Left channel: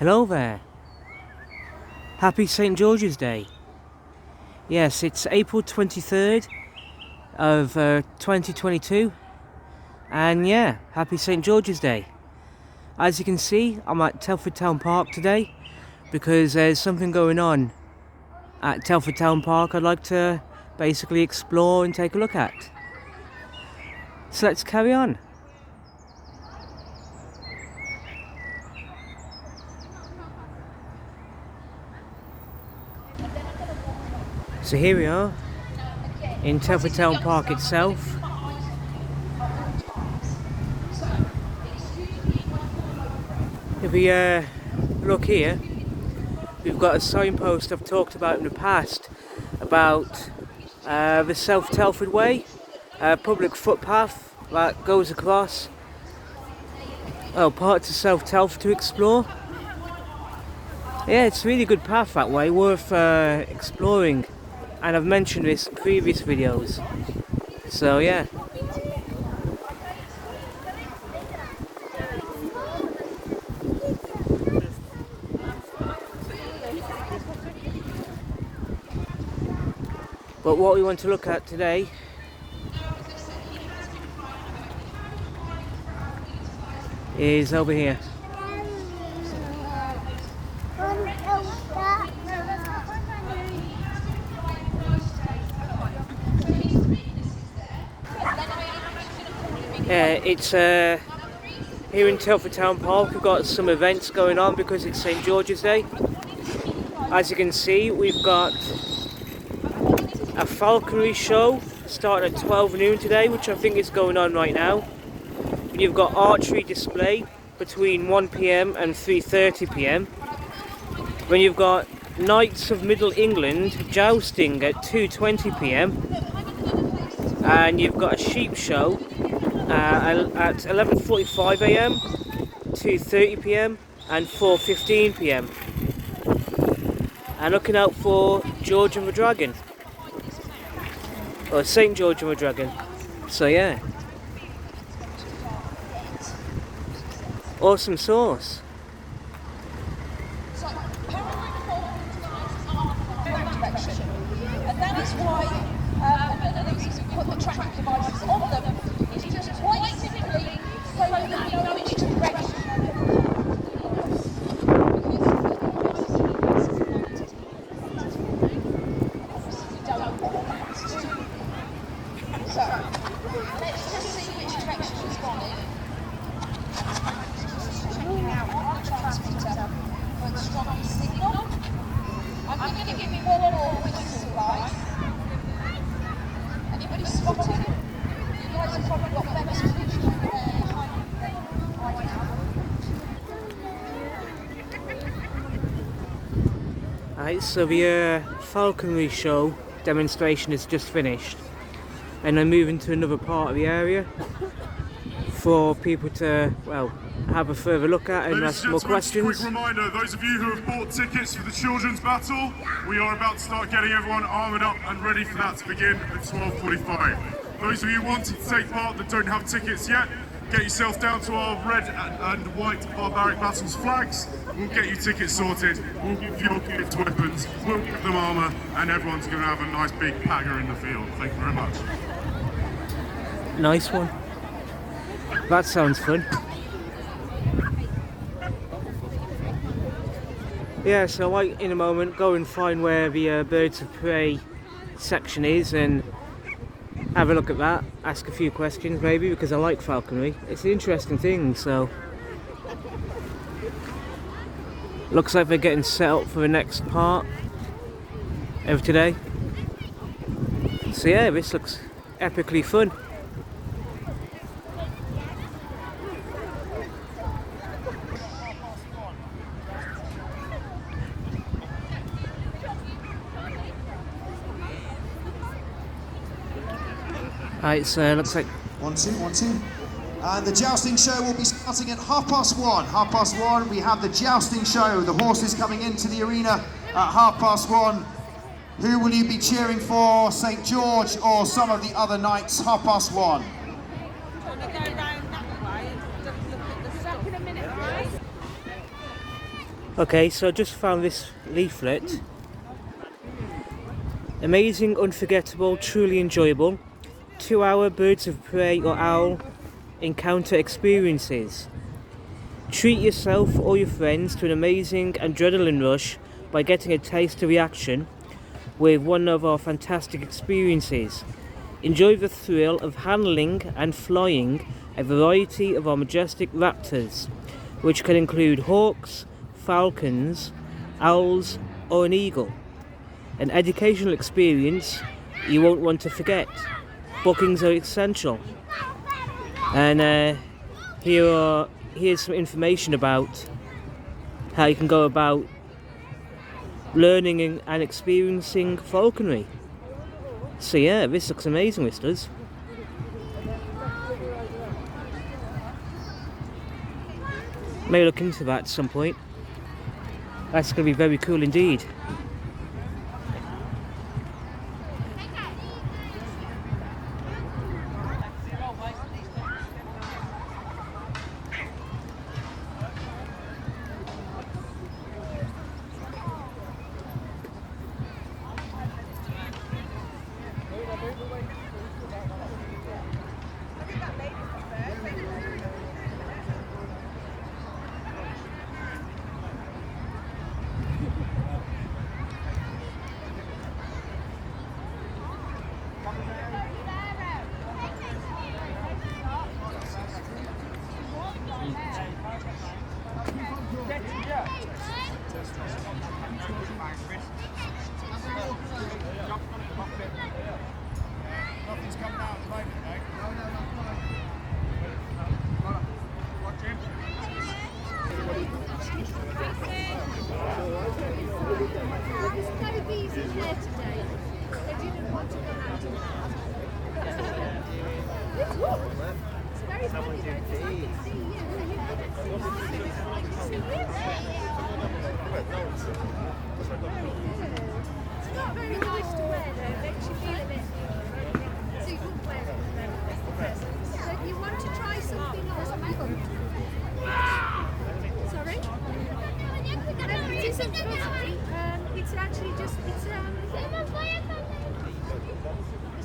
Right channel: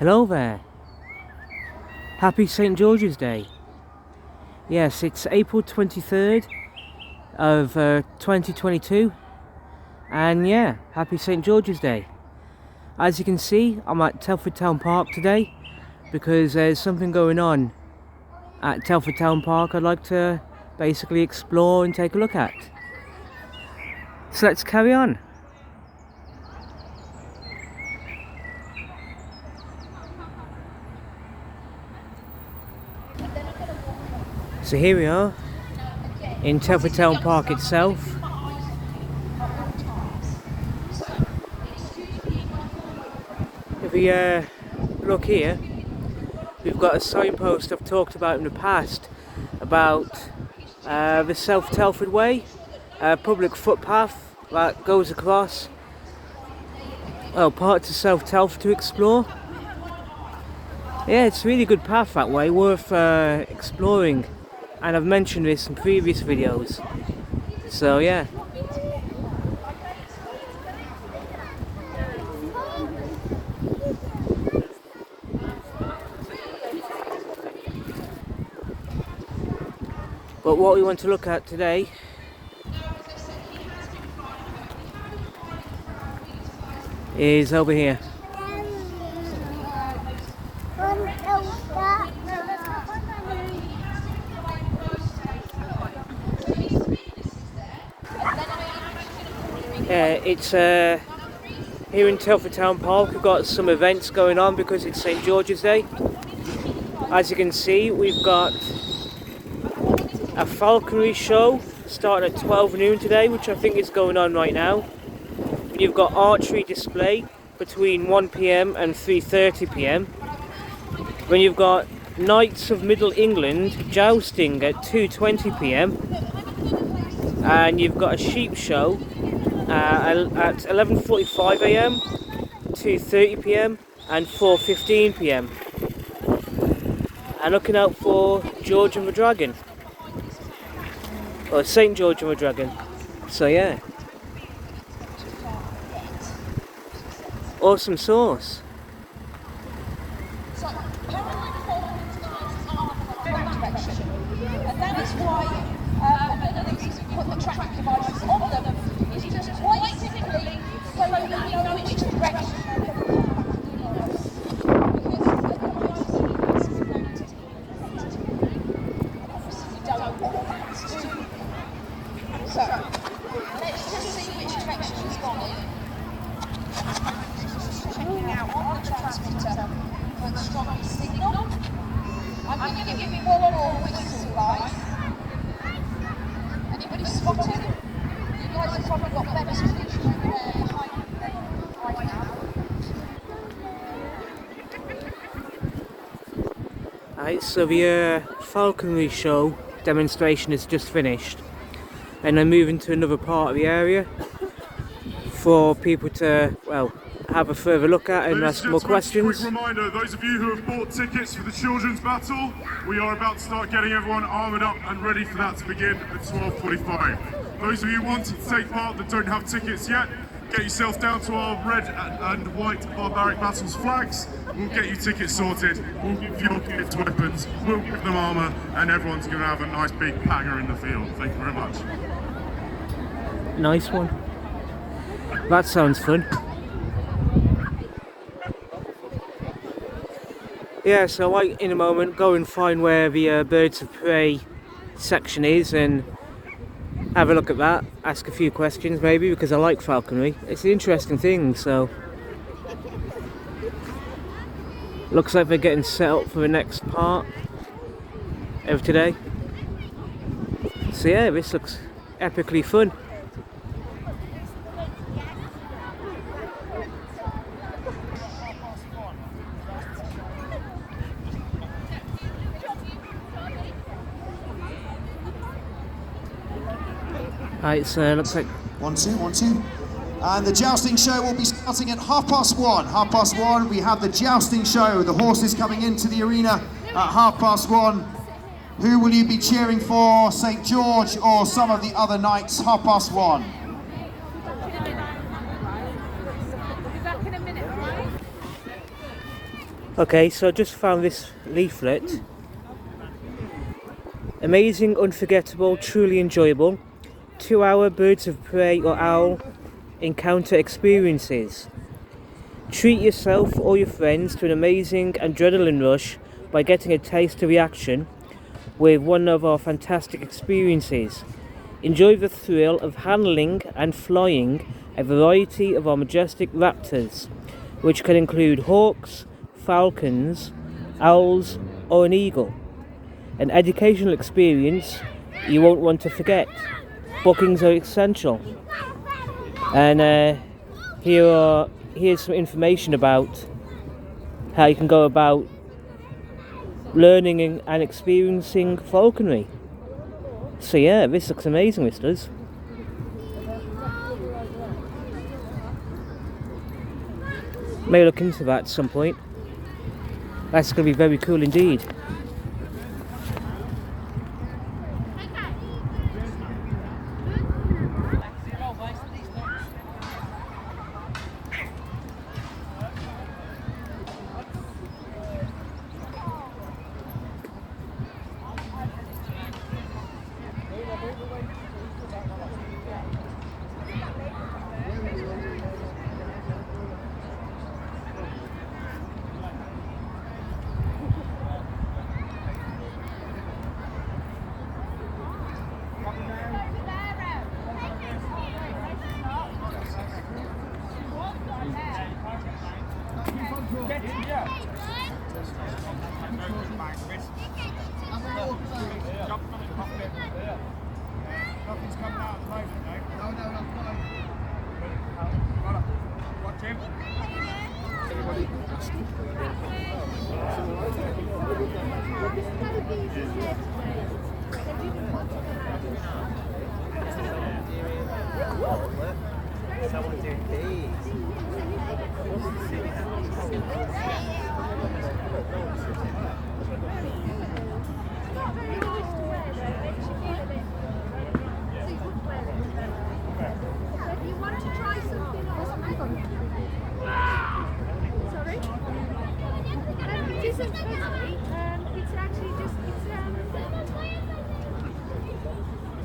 Hello there. Happy St. George's Day. Yes, it's April 23rd of 2022. And yeah, happy St. George's Day. As you can see, I'm at Telford Town Park today because there's something going on at Telford Town Park I'd like to basically explore and take a look at. So let's carry on. So here we are in Telford Town Park itself. If we look here, we've got a signpost I've talked about in the past about the South Telford Way, a public footpath that goes across parts of South Telford to explore. Yeah, it's a really good path that way, worth exploring, and I've mentioned this in previous videos, so yeah. But what we want to look at today is over here. It's here in Telford Town Park. We've got some events going on because it's St. George's Day. As you can see, we've got a falconry show starting at 12 noon today, which I think is going on right now. You've got archery display between 1 PM and 3:30 PM. Then you've got Knights of Middle England jousting at 2:20 PM. And you've got a sheep show at 11:45 AM, 2:30 PM and 4:15 PM. And looking out for George and the Dragon, or St. George and the Dragon. So yeah, awesome sauce. And that is why these track devices on them is just quite simply so that we know which direction. So let's just see which direction it's gone in. Now on the transmitter for the strongest signal. I'm going to give you one more whistle, guys. Anybody spotted it? You guys have probably got better vision over there behind you than I have. Alright, so the falconry show demonstration is just finished, and I'm moving to another part of the area for people to, well, have a further look at and ask more questions. Quick reminder, those of you who have bought tickets for the children's battle, we are about to start getting everyone armoured up and ready for that to begin at 12:45. Those of you who want to take part that don't have tickets yet, get yourself down to our red and white barbaric battles flags. We'll get you tickets sorted, we'll give your kids weapons, we'll give them armour, and everyone's going to have a nice big pagger in the field. Thank you very much. Nice one. That sounds fun. Yeah, so I might in a moment go and find where the birds of prey section is and have a look at that, ask a few questions maybe, because I like falconry. It's an interesting thing. So looks like they're getting set up for the next part of today. So yeah, this looks epically fun. Alright, so it looks like... One, two. And the jousting show will be starting at 1:30. 1:30, we have the jousting show. The horses coming into the arena at 1:30. Who will you be cheering for, St. George or some of the other knights? 1:30. Okay, so I just found this leaflet. Amazing, unforgettable, truly enjoyable 2-hour birds of prey or owl encounter experiences. Treat yourself or your friends to an amazing adrenaline rush by getting a taste of reaction with one of our fantastic experiences. Enjoy the thrill of handling and flying a variety of our majestic raptors, which can include hawks, falcons, owls, or an eagle. An educational experience you won't want to forget. Bookings are essential. And here's some information about how you can go about learning and experiencing falconry. So yeah, this looks amazing, this does. May look into that at some point. That's going to be very cool indeed.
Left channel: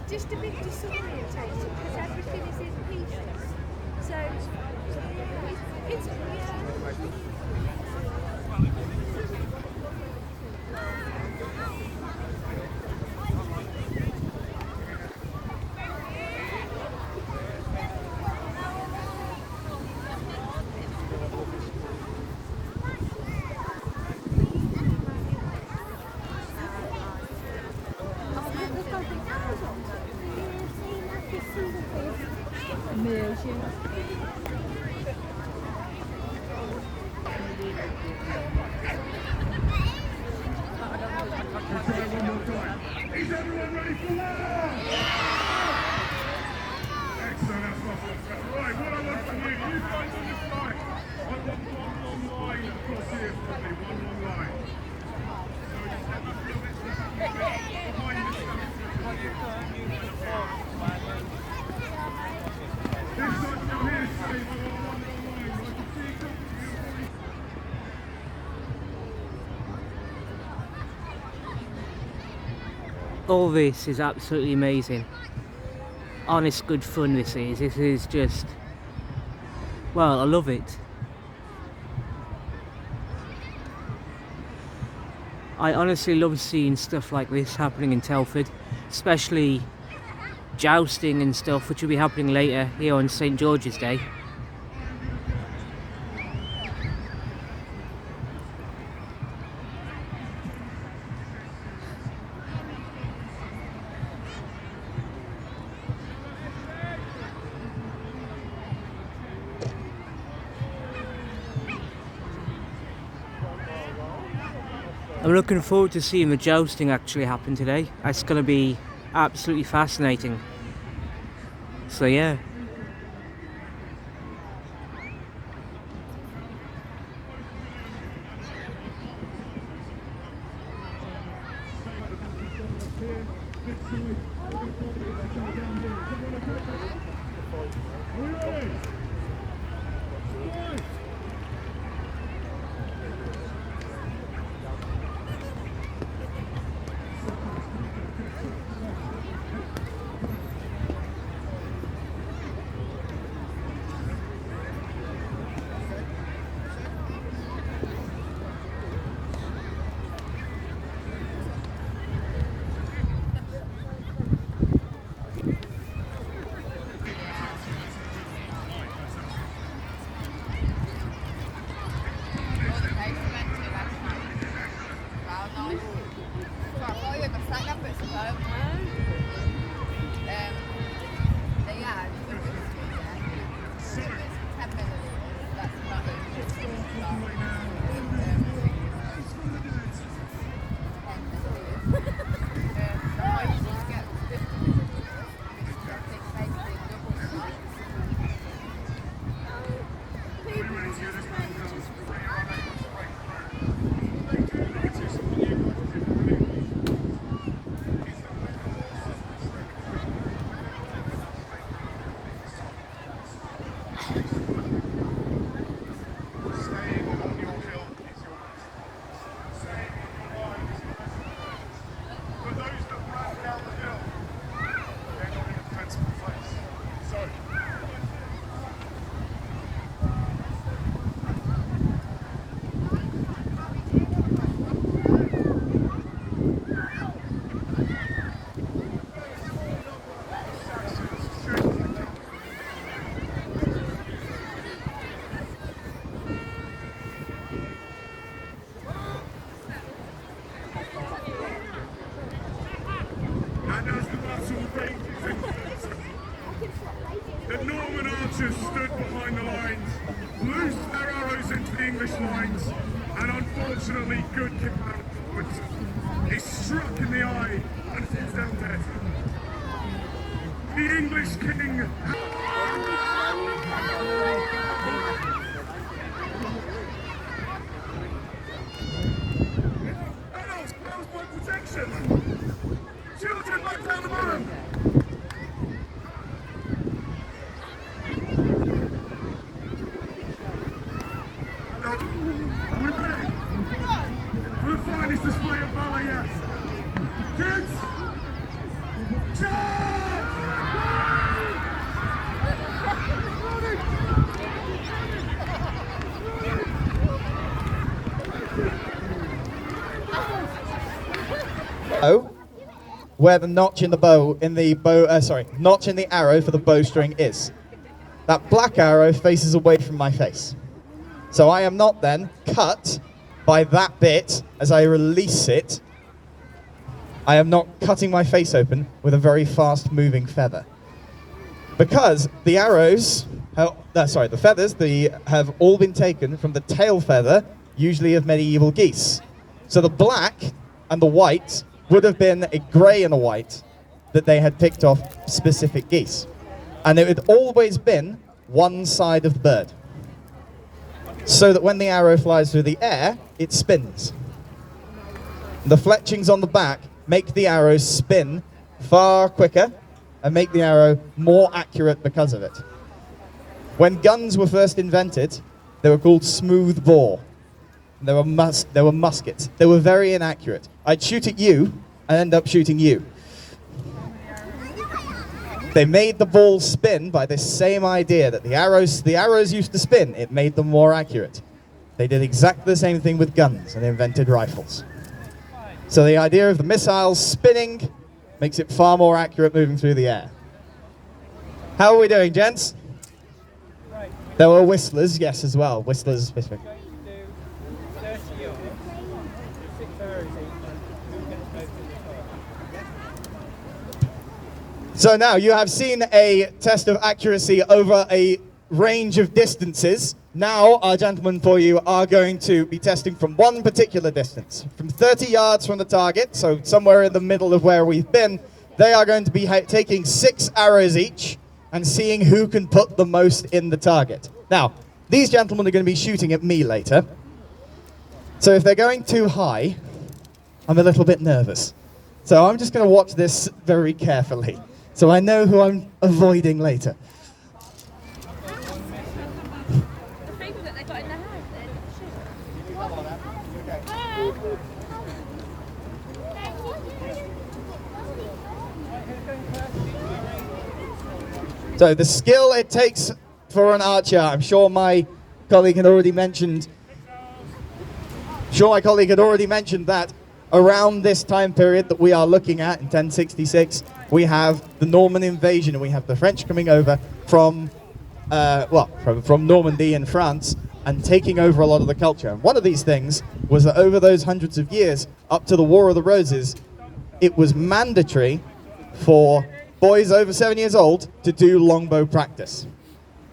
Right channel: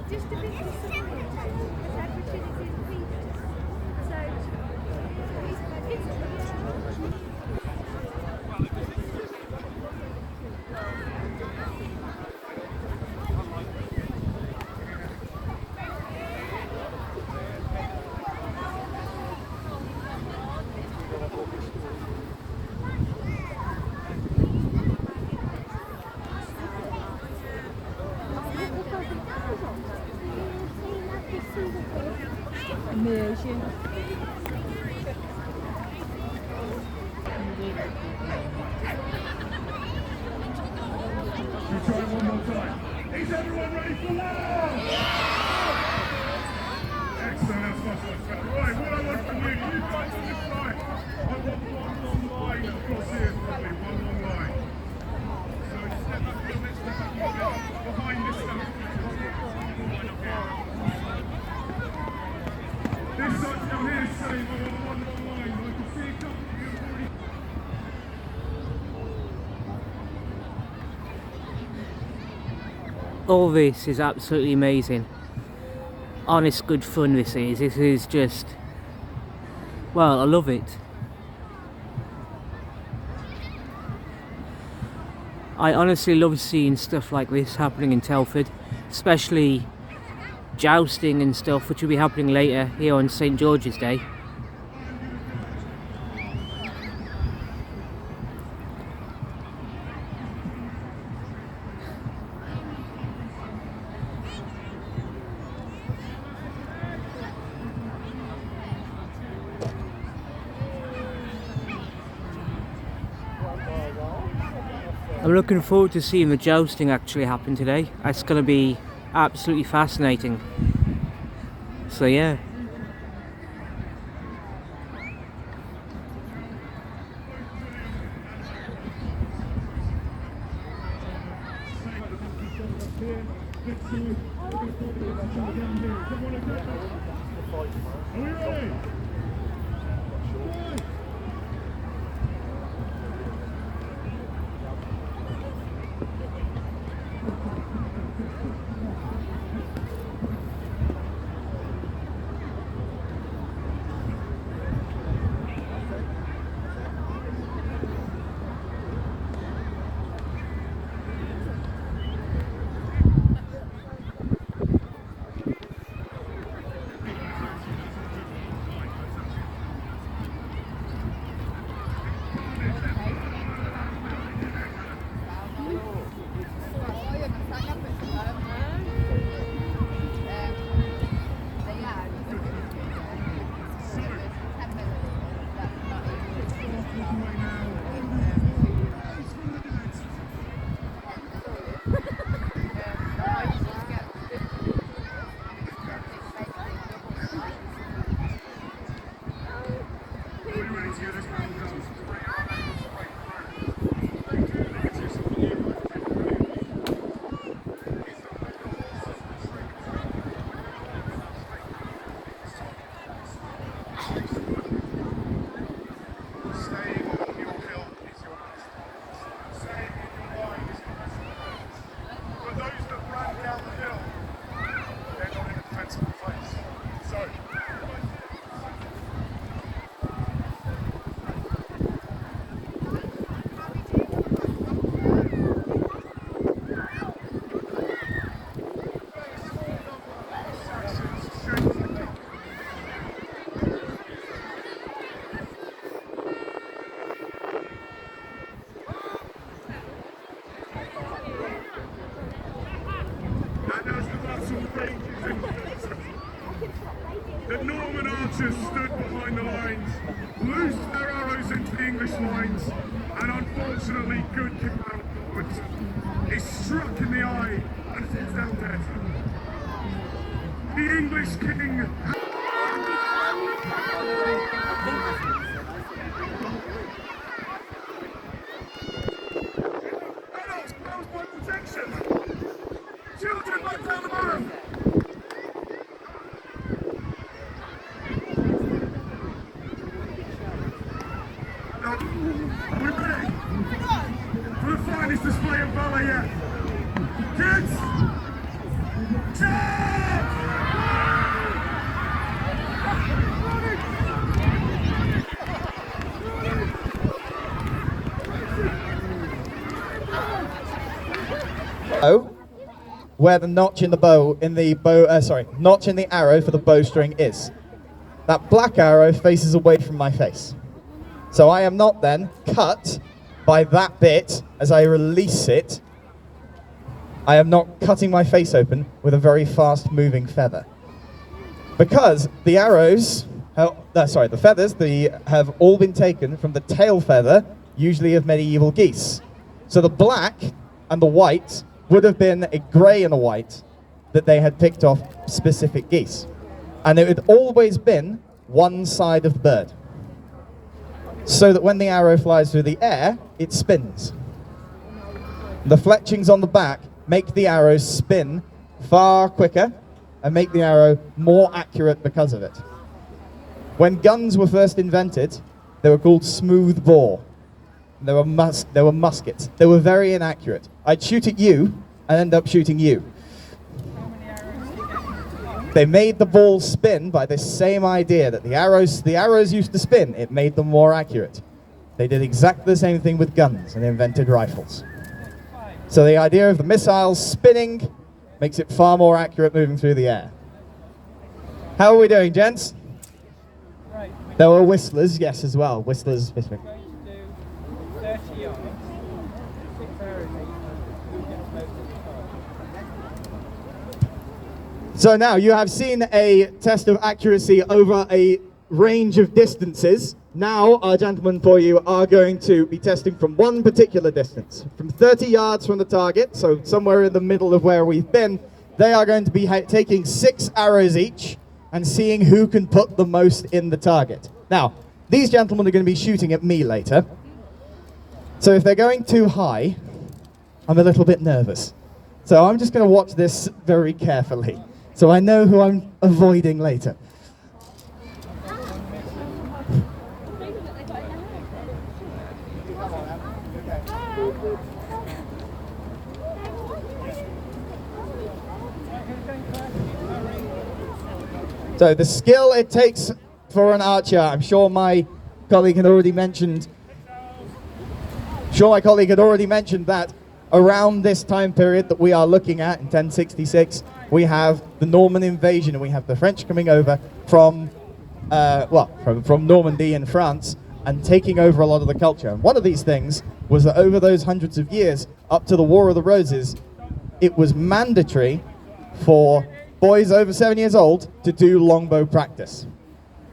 Just a bit disorientating because everything is in pieces. So it's Is everyone ready for one more? Right, what I want from you guys on this side. I want one long line across here for me, one long line. Behind this stuff. This side still here is saying we want one long line. I can see it coming to you. All this is absolutely amazing. Honest good fun this is. This is just, well, I love it. I honestly love seeing stuff like this happening in Telford, especially jousting and stuff, which will be happening later here on St. George's Day. I'm looking forward to seeing the jousting actually happen today. That's going to be absolutely fascinating. So yeah. good kick out, but he struck in the eye and falls down dead. The English king. Adults, close by protection. Children, back down the barrel. Are we ready for the finest display of ballet yet? Kids, charge! Where the notch in the notch in the arrow for the bowstring is. That black arrow faces away from my face. So I am not then cut by that bit as I release it. I am not cutting my face open with a very fast moving feather. Because the arrows, the feathers have all been taken from the tail feather, usually of medieval geese. So the black and the white would have been a grey and a white that they had picked off specific geese. And it had always been one side of the bird. So that when the arrow flies through the air, it spins. The fletchings on the back make the arrow spin far quicker and make the arrow more accurate because of it. When guns were first invented, they were called smooth bore. They were muskets. They were very inaccurate. I'd shoot at you and end up shooting you. They made the ball spin by this same idea that the arrows used to spin. It made them more accurate. They did exactly the same thing with guns and invented rifles. So the idea of the missiles spinning makes it far more accurate moving through the air. How are we doing, gents? There were whistlers, yes, as well. Whistlers. So now you have seen a test of accuracy over a range of distances. Now our gentlemen for you are going to be testing from one particular distance. From 30 yards from the target, so somewhere in the middle of where we've been, they are going to be taking 6 arrows each and seeing who can put the most in the target. Now, these gentlemen are going to be shooting at me later. So if they're going too high, I'm a little bit nervous. So I'm just going to watch this very carefully, so I know who I'm avoiding later. So the skill it takes for an archer, I'm sure my colleague had already mentioned. That around this time period that we are looking at in 1066, we have the Norman invasion and we have the French coming over from Normandy in France and taking over a lot of the culture. And one of these things was that over those hundreds of years, up to the War of the Roses, it was mandatory for boys over 7 years old to do longbow practice.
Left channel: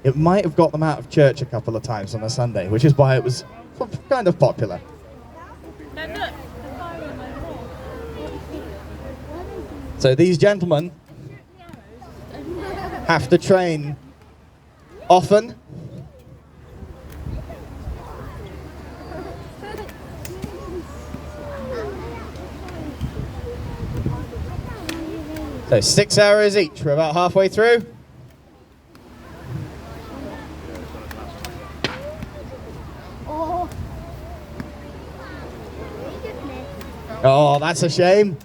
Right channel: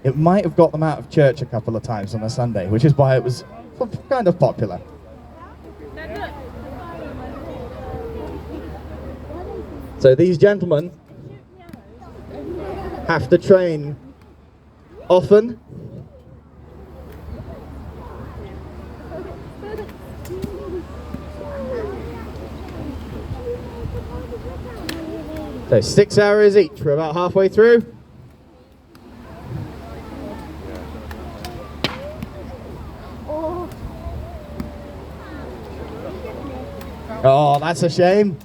It might have got them out of church a couple of times on a Sunday, which is why it was kind of popular. So these gentlemen have to train often. So 6 arrows each. We're about halfway through. Oh, that's a shame.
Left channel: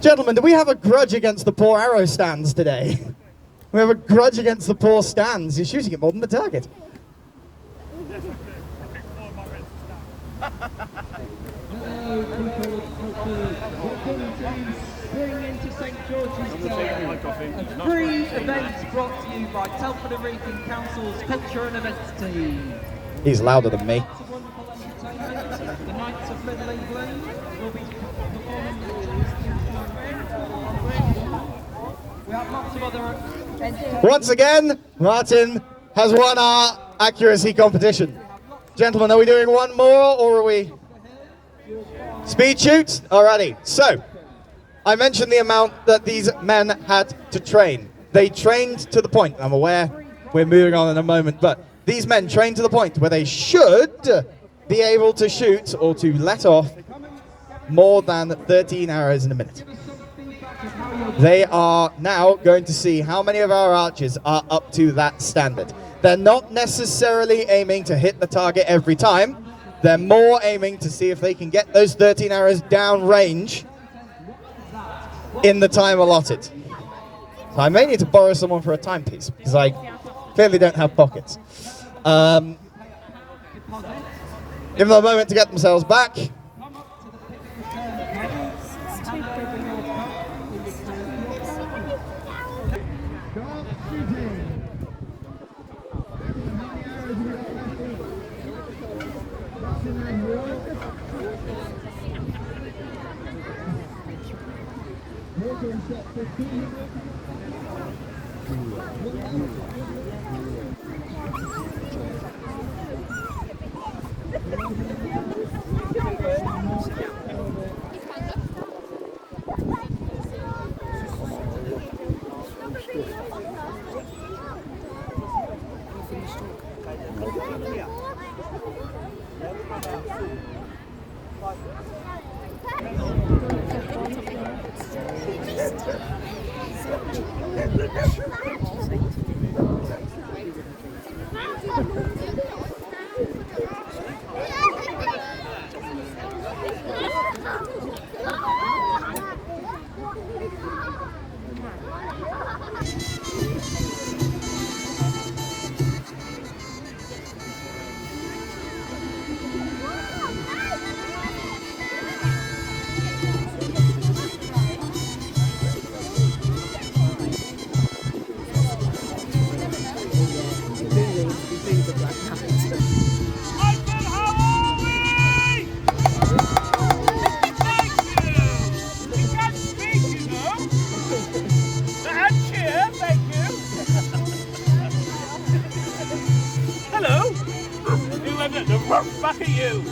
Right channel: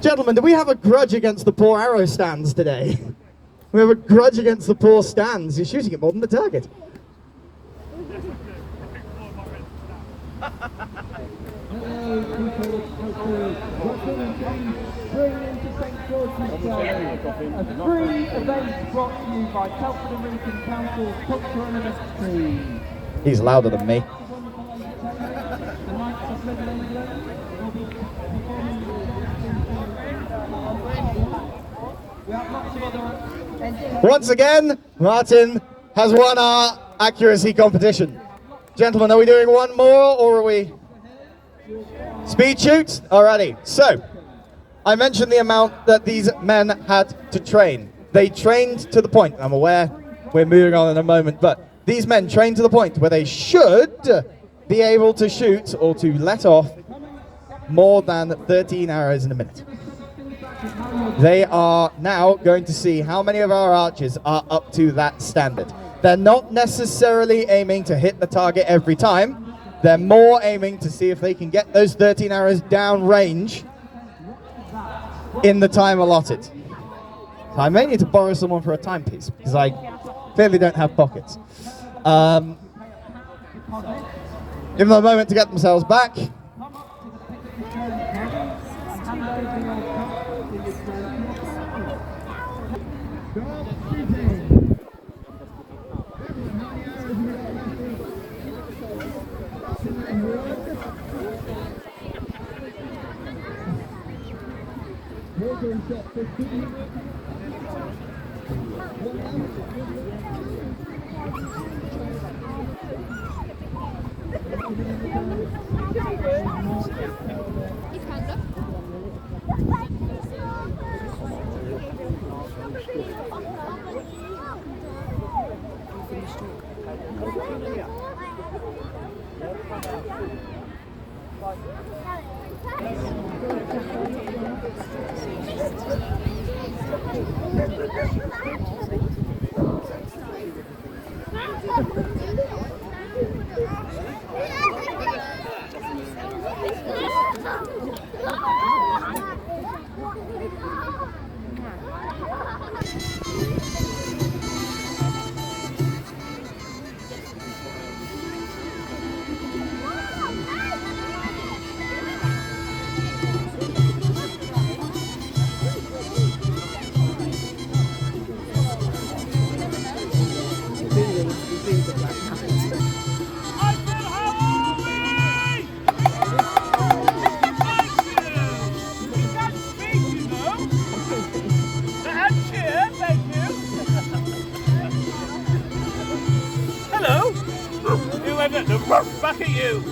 Gentlemen, do we have a grudge against the poor arrow stands today? We have a grudge against the poor stands. You're shooting it more than the target. Hello, people of Telford. Welcome to Spring into St George's Day, a free event brought to you by Telford Wrekin Council's Culture and Events team. He's louder than me. The Knights of Little England will be performing the jousting. We have lots of other Once again, Martin has won our accuracy competition. Gentlemen, are we doing one more or are we speed shoot? Alrighty, so I mentioned the amount that these men had to train. They trained to the point, I'm aware we're moving on in a moment, but these men trained to the point where they should be able to shoot or to let off more than 13 arrows in a minute. They are now going to see how many of our archers are up to that standard. They're not necessarily aiming to hit the target every time. They're more aiming to see if they can get those 13 arrows down range in the time allotted. So I may need to borrow someone for a timepiece because I clearly don't have pockets. Give them a moment to get themselves back. Back at you!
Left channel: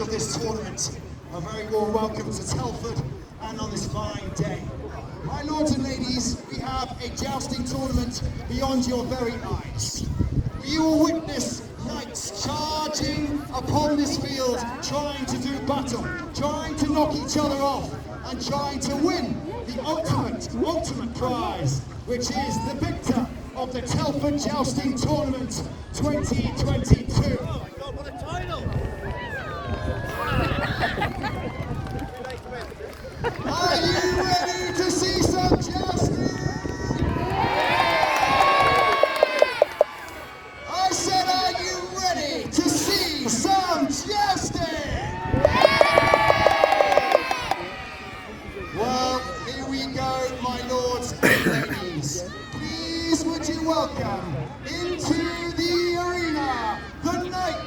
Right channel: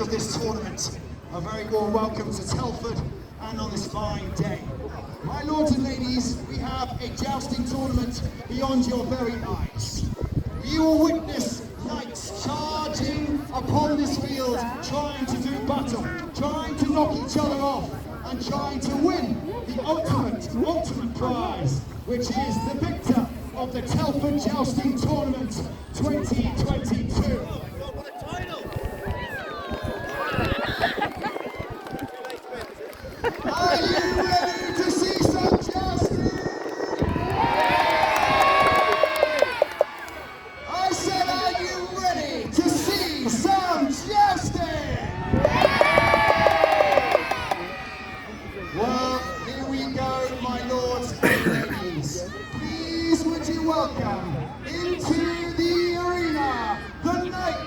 Of this tournament, a very warm welcome to Telford and on this fine day. My lords and ladies, we have a jousting tournament beyond your very eyes. You will witness knights charging upon this field, trying to do battle, trying to knock each other off, and trying to win the ultimate prize, which is the victor of the Telford Jousting Tournament 2022. Are you ready to see some jousting? I said, are you ready to see some jousting? Well, here we go, my lords and ladies. Please would you welcome into the arena the knight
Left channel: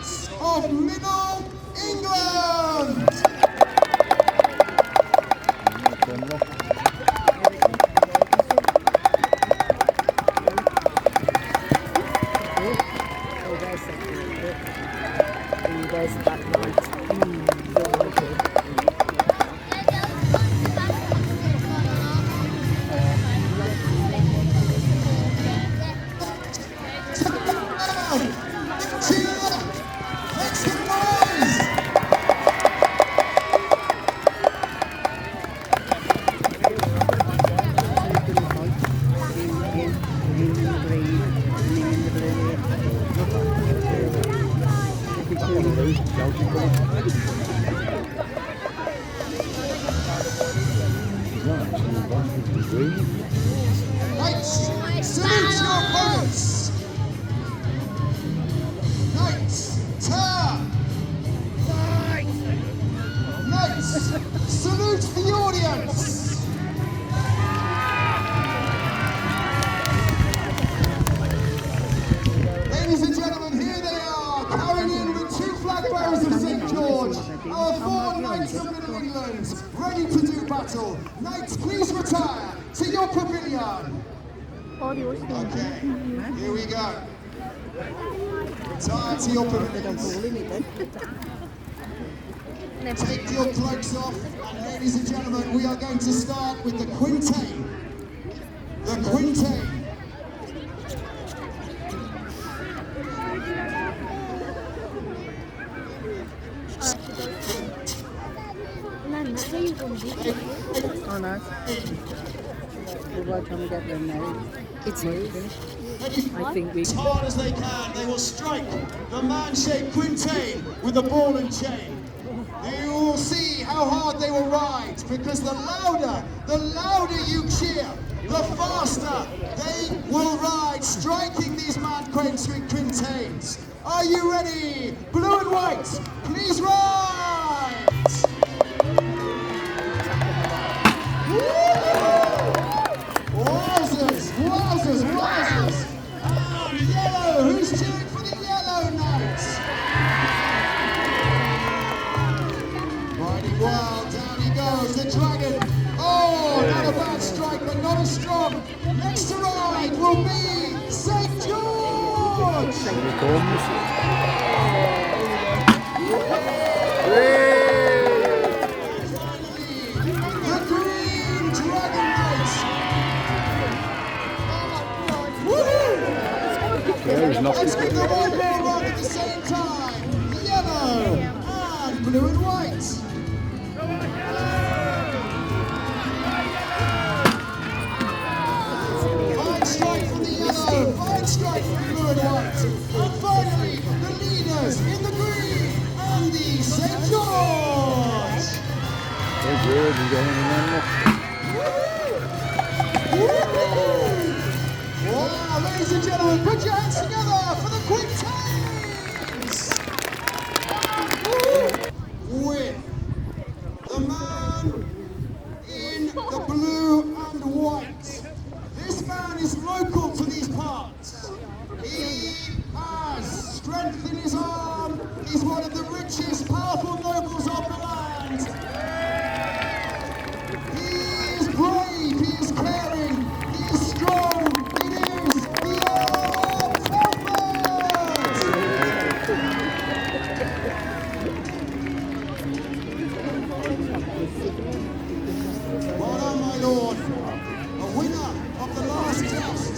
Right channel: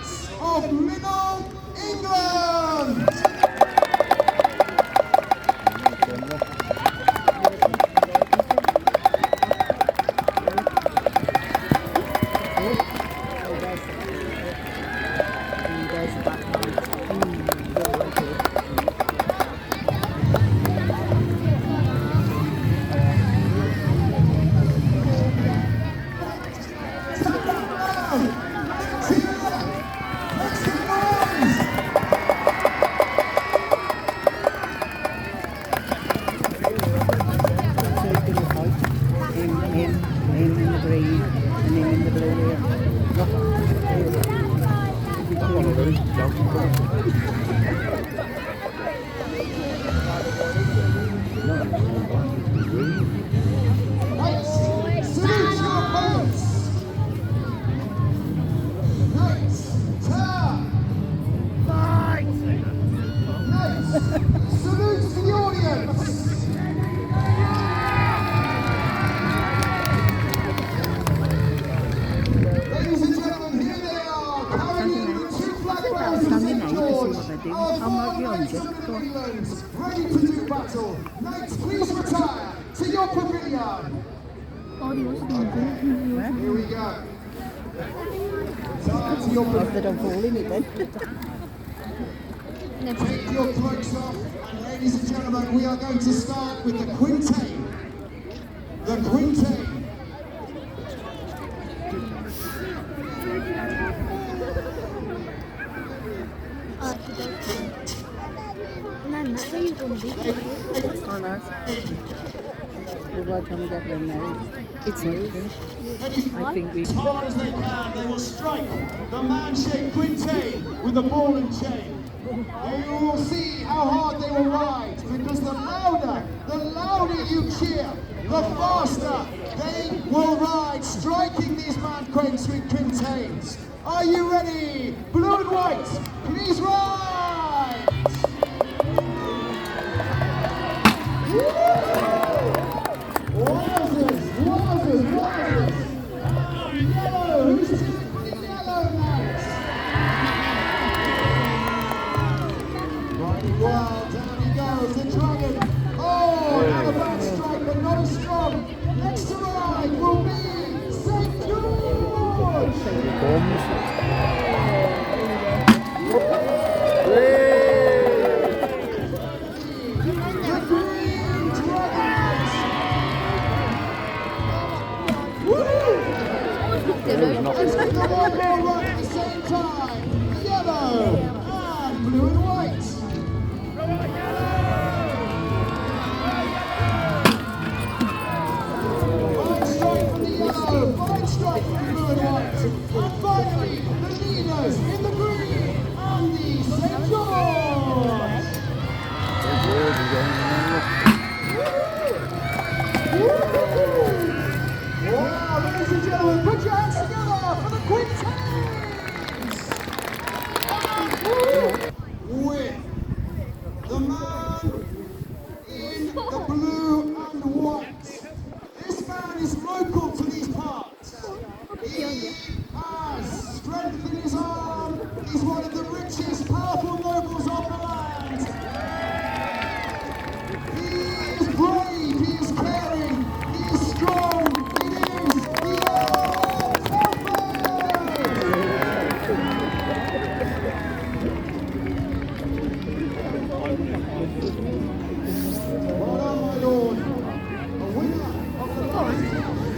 Salute your boats! Knights, turn! Knights, salute the audience! Ladies and gentlemen, here they are, carrying in the two flag bearers of St. George, our four knights of England, ready to do battle. Knights, please retire to your pavilion. Here we go. Retire to your pavilion. Take your cloaks off, and ladies and gentlemen, we are going to start with the quintain. The quintain. Oh no. Well, by the time we get there now, it's moving. I think we... As hard as they can, they will strike the man-shaped quintain with a ball and chain. You will see how hard they will ride, because the louder you cheer, the faster they will ride, striking these man-shaped quintains. Are you ready? Blue and white, please ride! Wowzers, wowzers, wowzers! And yellow, who's cheering for the yellow knights? Riding well, down he goes, the dragon. Oh, not a bad strike, but not as strong. Next to ride will be St. George! Let's give them all go around at the same time. Yellow and blue and white. Fine strike from the yellow, fine strike from the blue and white. And finally, the leaders in the green and the St. George. Wow, ladies and gentlemen, put your hands together for the quintains! With the man in the blue and white. This man is local to these parts. He has strength in his arm. He's one of the richest, powerful locals of the land. He is brave, he is caring, he is strong. It is the Earl of Well done, my lord. The winner of the last test.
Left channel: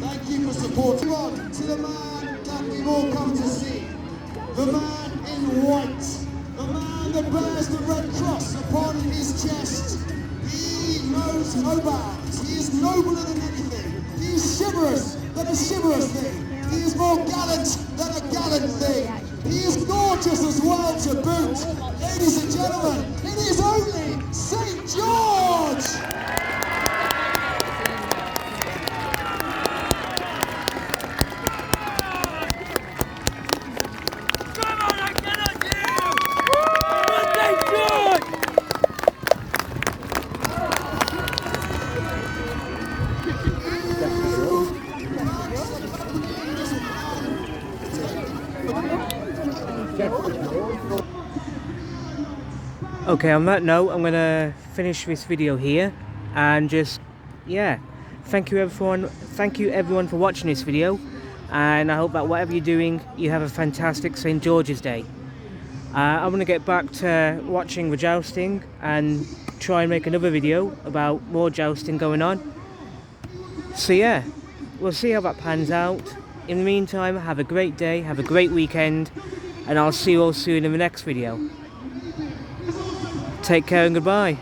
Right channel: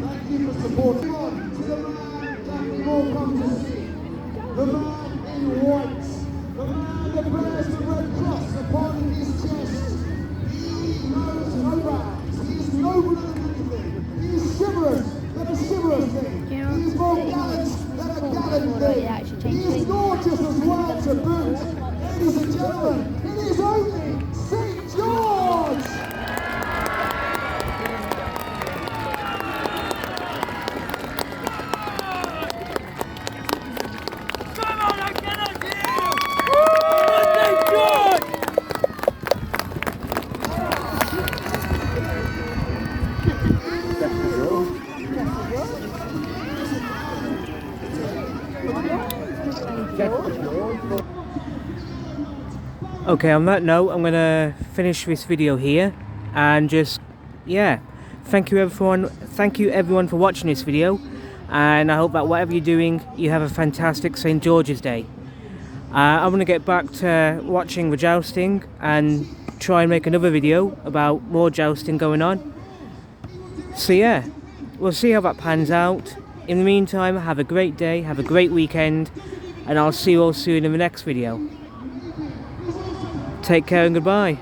Thank you for supporting us. To the man that we've all come to see. The man in white. The man that bears the red cross upon his chest. He knows no bounds. He is nobler than anything. He is chivalrous than a chivalrous thing. He is more gallant than a gallant thing. He is gorgeous as well to boot. Ladies and gentlemen, it is only St. George! Okay, on that note, I'm gonna finish this video here, and just, yeah, thank you everyone for watching this video, and I hope that whatever you're doing, you have a fantastic St. George's Day. I'm gonna get back to watching the jousting and try and make another video about more jousting going on. So yeah, we'll see how that pans out. In the meantime, have a great day, have a great weekend, and I'll see you all soon in the next video. Take care and goodbye.